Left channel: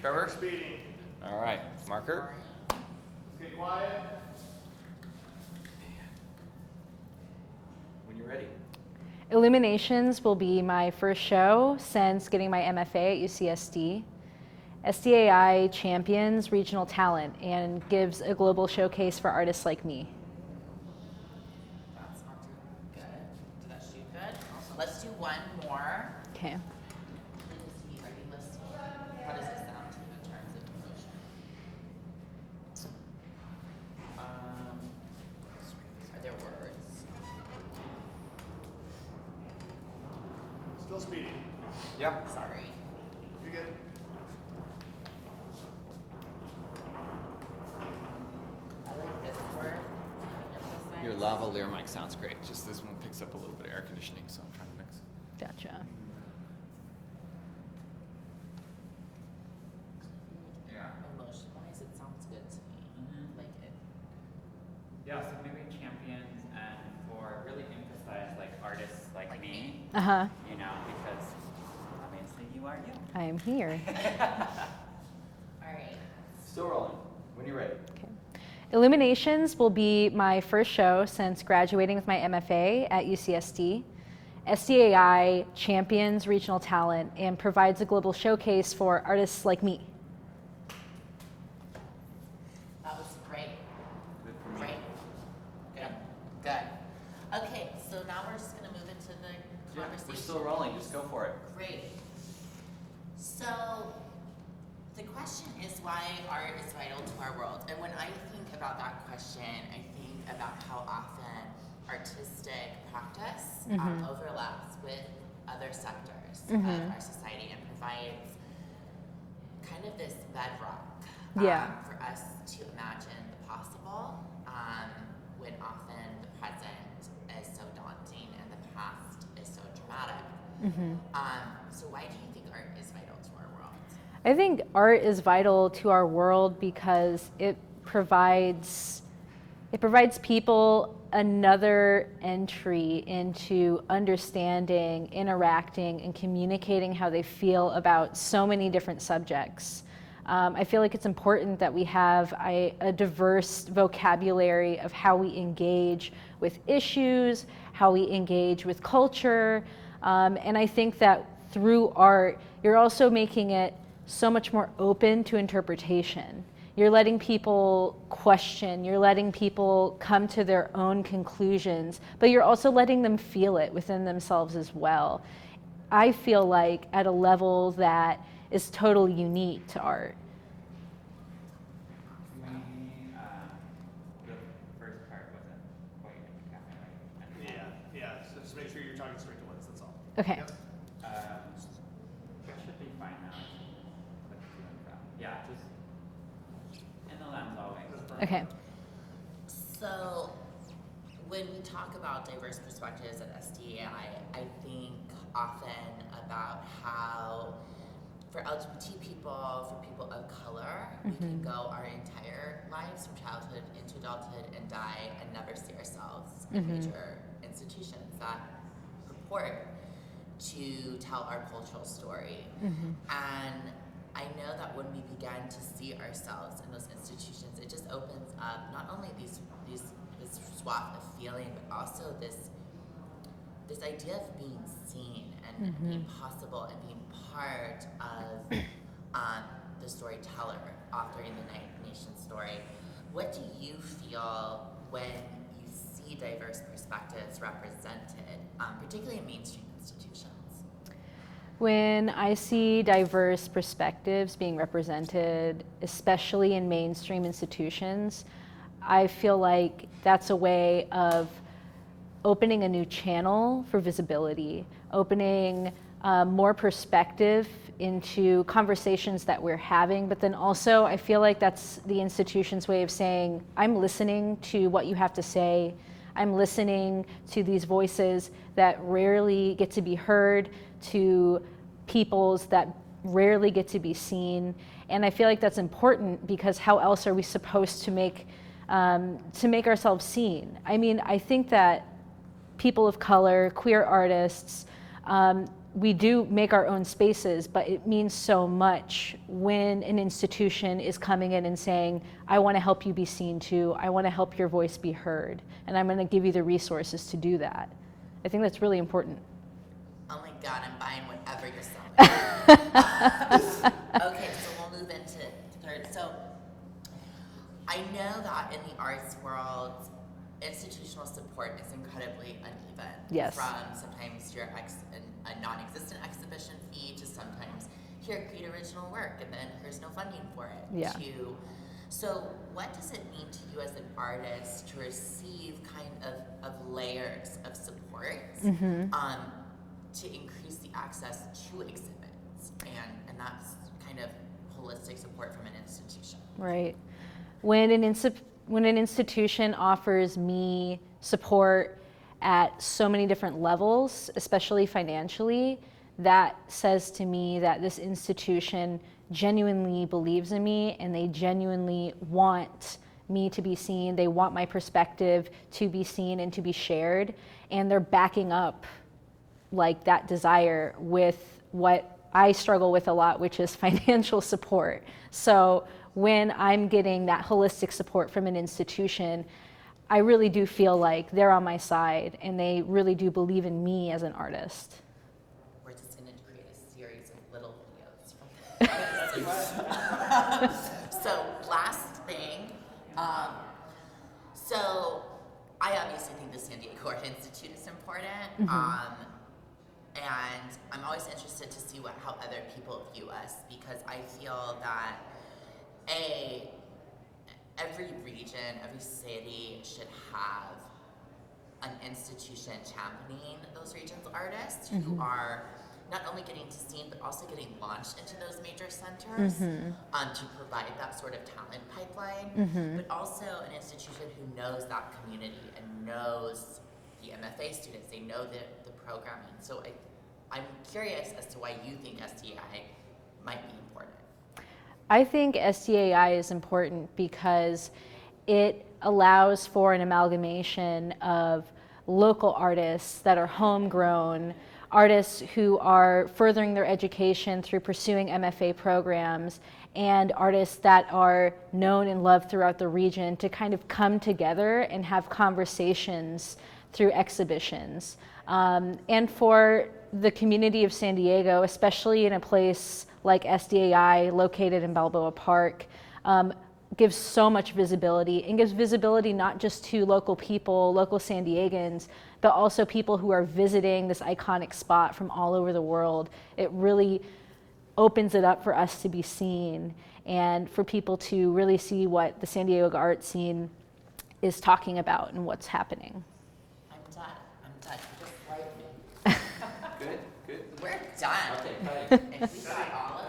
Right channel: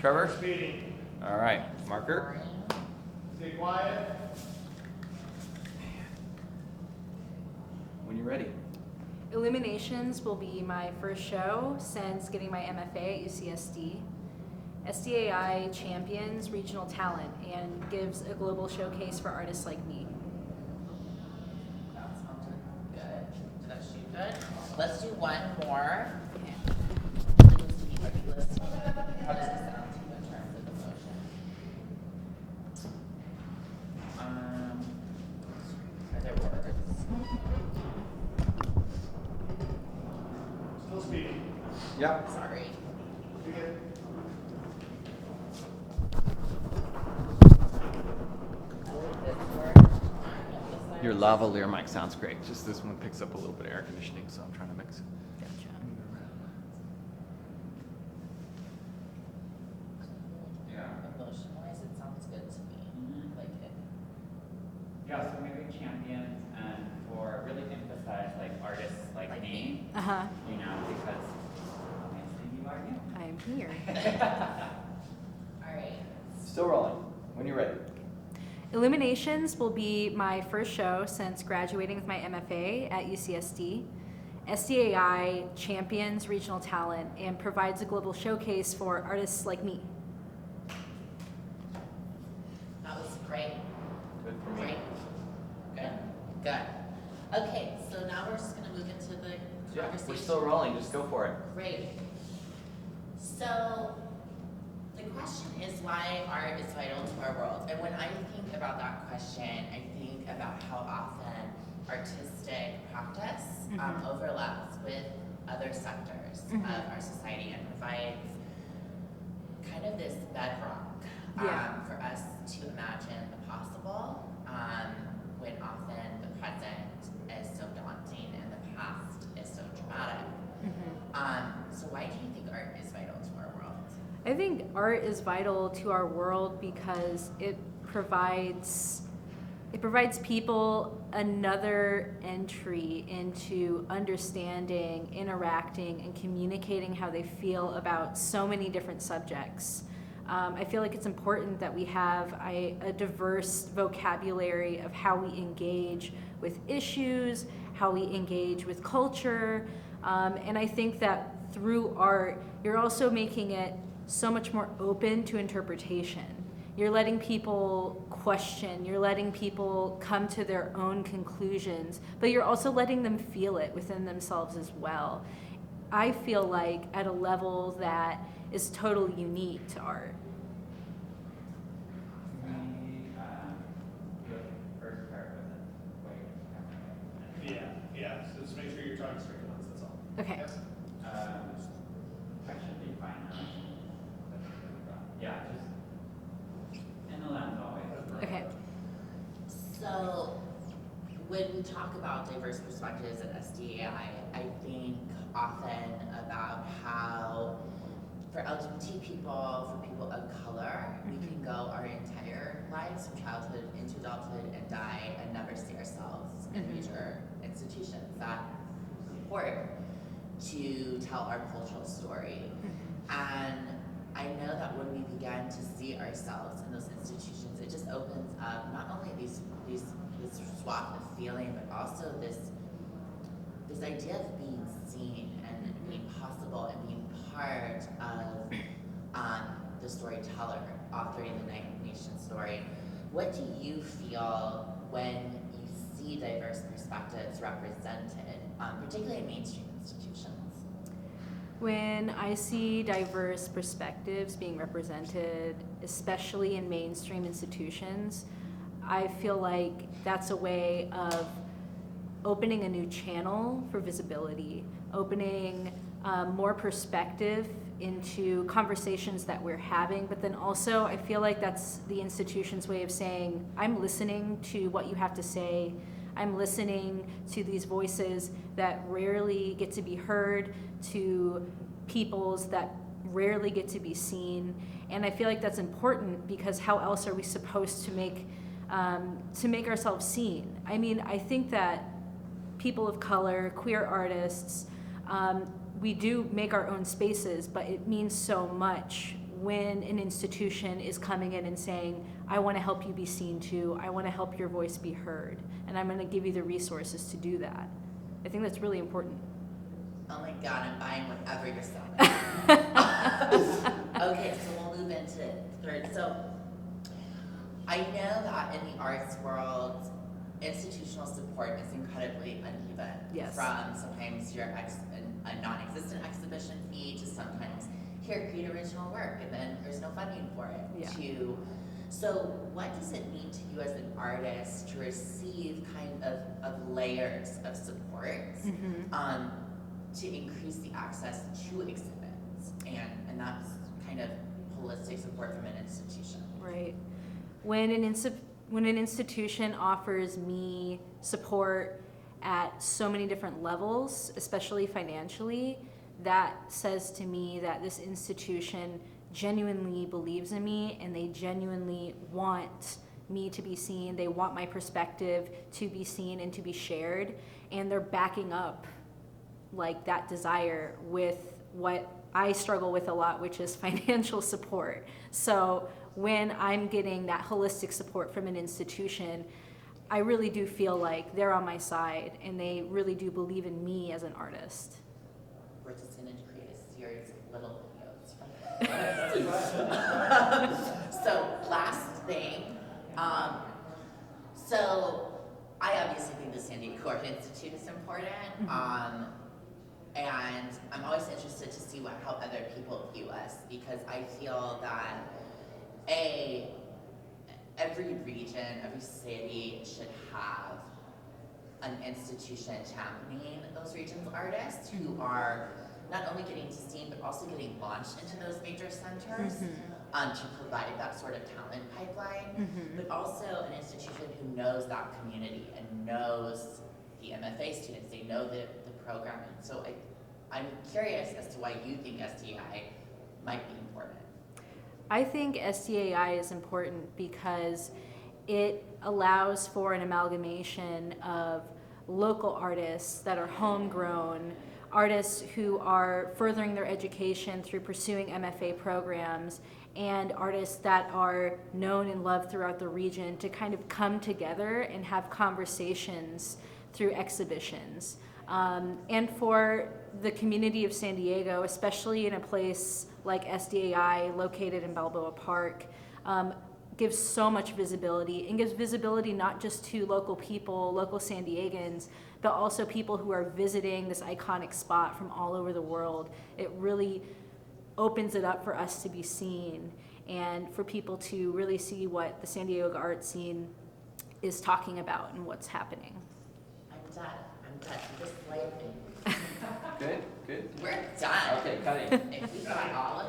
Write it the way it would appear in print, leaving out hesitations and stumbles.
Trevor? Speeding. All right, marker. Stay quiet. When you're ready. Illuminations will be my first show since getting my MFA at UCSD. SDAI champions regional talent and gives a global showcase for artists like me. That sounds good. Did I shoot good? Let's do one more. Okay. Are you listening? How does it sound to you in terms of emotion? Are there words? Still speeding. Yep. Sorry. You good? I like this word. Your lavalier mic sounds great. Just this one picks up a little bit of air conditioning, so I'm trying to mix. Gotcha. Yeah. Emotion-wise, it sounds good to me. I like it. Yeah, so maybe champions and for really emphasize like artists like me, Uh-huh. you know, because obviously you are you. I am here. All right. Still rolling. When you're ready. Illuminations will be my first show since graduating with my MFA at UCSD. SDAI champions regional talent and provides a global showcase for artists like me. That was great. Good for me. Great. Good. Good. Okay, so now we're just going to move into the Yeah, conversation. we're still rolling. Just go for it. Great. So the question is why art is vital to our world. And when I think about that question, I think about how often artistic practice overlaps with other sectors of our society and provides kind of this bedrock for us to imagine the possible when often the present is so daunting and the past is so dramatic. So why do you think art is vital to our world? I think art is vital to our world because it provides people another entry into understanding, interacting, and communicating how they feel about so many different subjects. I feel like it's important that we have a diverse vocabulary of how we engage with issues, how we engage with culture, and I think that through art, you're also making it so much more open to interpretation. You're letting people question, you're letting people come to their own conclusions, but you're also letting them feel it within themselves as well. I feel like at a level that is totally unique to art. The first part wasn't quite Yeah. So just make sure you're talking straight to ones, that's all. Okay. Yep. that should be fine now. Yeah, just in the lens always. Okay. So when we talk about diverse perspectives at SDAI, I think often about how for LGBT people, for people of color, we can go our entire lives from childhood into adulthood and die and never see ourselves in major institutions that purport to tell our cultural story. And I know that when we begin to see ourselves in those institutions, it just opens up not only this swath of feeling, but also this idea of being seen and being possible and being part of the storyteller authoring the Nation story. What do you feel when you see diverse perspectives represented, particularly in mainstream institutions? When I see diverse perspectives being represented, especially in mainstream institutions, I feel like that's a way of opening a new channel for visibility, opening more perspective into conversations that we're having, but then also I feel like that's the institution's way of saying, I'm listening to what you have to say, I'm listening to these voices that rarely get to be heard, to peoples that rarely get to be seen, and I feel like that's important because how else are we supposed to make ourselves seen? I mean, I think that people of color, queer artists, we do make our own spaces, but it means so much when an institution is coming in and saying, I want to help you be seen too, I want to help your voice be heard, and I'm going to give you the resources to do that. I think that's really important. Oh my God, I'm buying whatever you're selling. Okay, so we'll move into third. So I know that in the arts world, institutional support is incredibly uneven. Yes. From sometimes you're a non-existent exhibition fee to sometimes here, create original work, and then there's no funding for it. Yeah. So what does it mean to you as an artist to receive kind of layers of support to increase the access to exhibits, and that's kind of holistic support from an institution? Right. When an institution offers me support at so many different levels, especially financially, that says to me that this institution genuinely believes in me and they genuinely want me to be seen. They want my perspective to be seen and to be shared, and they're backing up like that desire with what I struggle with a lot, which is financial support. So when I'm getting that holistic support from an institution, I really do feel like they're on my side and they really do believe in me as an artist. We're just going to create a series of little videos from this. So last thing, so I obviously think the San Diego Art Institute is important, and I'm always interested to see how other people view us, because I feel that every region, every city should have an institution championing those regions' artists who are not only getting to seen, but also getting launched into those major centers to provide that sort of talent pipeline, but also an institution who knows that community and knows the MFA students, they know the programming. So I'm curious as to why you think SDAI might be important. I think SDAI is important because it allows for an amalgamation of local artists that are homegrown, artists who are furthering their education through pursuing MFA programs, and artists that are known and loved throughout the region to kind of come together and have conversations through exhibitions. And for the community of San Diego, especially in a place like SDAI located in Balboa Park, gives so much visibility, and gives visibility not just to local people, local San Diegans, but also people who are visiting this iconic spot from all over the world. It really opens it up for us to be seen and for people to really see what the San Diego art scene is talking about and what's happening. I'm done. You just slayed me. Good, good. We're done. Okay, cutting. If we got all of